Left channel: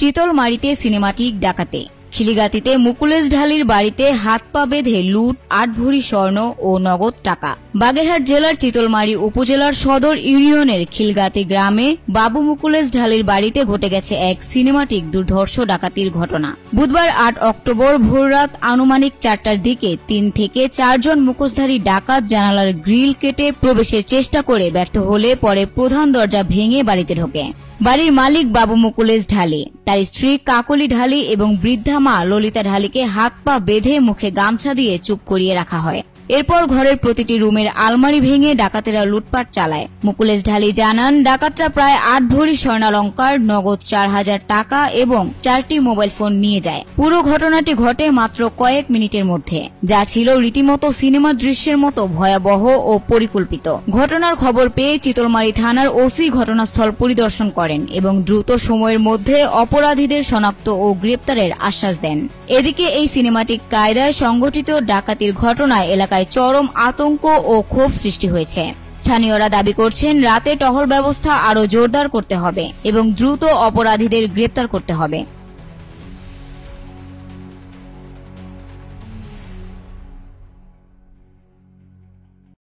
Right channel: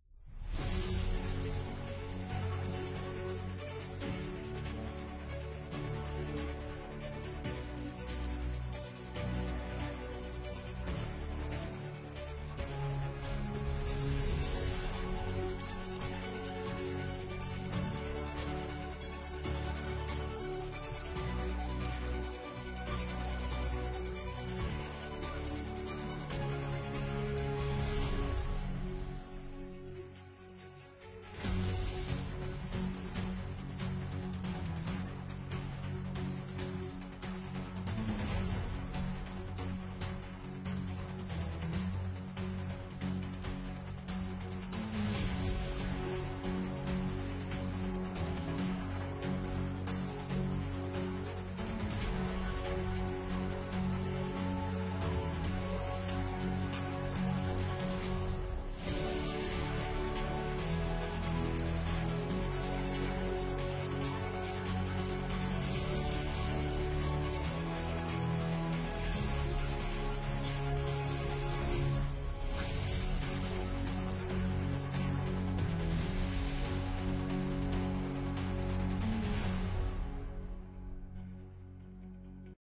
চিতলমারীতে cinematic ডাকাতি। খিলিগাতিতে মুকুলেশ ঢালির বাড়িতে হাত পা বেঁধে লুট, ৮ ভরি স্বর্ণ ও নগদ টাকা। বাগেরহাট জেলার চিতলমারী উপজেলার সদর ইউনিয়নের খিলগাতি গ্রামে বাবু মুকুলেশ ঢালির বাড়িতে ঘটে গেছে এক সিনেমাটিক দুর্ধর্ষ ডাকাতির ঘটনা। বুধবার ৮ অক্টোবর ভোররাত আনুমানিক ৪টার দিকে ৩ থেকে ৪ জন মুখোশধারী ডাকাত জানালার গ্রিল কেটে প্রবেশের চেষ্টা করে ব্যর্থ হলে পরে প্রধান দরজা ভেঙে বাড়িতে ঢোকে। বাড়ির মালিক বাবু মুকুলেশ ঢালি, তার স্ত্রী কাকলি ঢালি এবং বৃদ্ধা মা ললিতা ঢালিকে হাত পা বেঁধে মুখে গামছা দিয়ে চুপ করিয়ে রাখা হয়। এরপর ঘরের প্রতিটি রুমের আলমারি ভেঙে ডাকাতেরা লুটপাট চালায়। মুকুলেশ ঢালি জানান, ডাকাতরা প্রায় ৮ ভরি স্বর্ণালঙ্কার, নগদ ৪,০০০ টাকা এবং ৪টি মোবাইল ফোন নিয়ে যায়। পুরো ঘটনাটি ঘটে মাত্র কয়েক মিনিটের মধ্যে, যা ছিল রীতিমতো সিনেমা দৃশ্যের মতো ভয়াবহ ও পরিকল্পিত। ঘটনার খবর পেয়ে চিতলমারী থানার ওসি ঘটনাস্থল পরিদর্শন করেন এবং দ্রুত সময়ের মধ্যে অপরাধীদের শনাক্ত ও গ্রেপ্তারের আশ্বাস দেন। এদিকে এই সিনেমাটিক কায়দায় সংঘটিত ডাকাতির ঘটনায় এলাকায় চরম আতঙ্ক ও ক্ষোভ সৃষ্টি হয়েছে। স্থানীয়রা দাবি করছেন, রাতে টহল ব্যবস্থা আরও জোরদার করতে হবে এবং দ্রুত অপরাধীদের গ্রেপ্তার করতে হবে।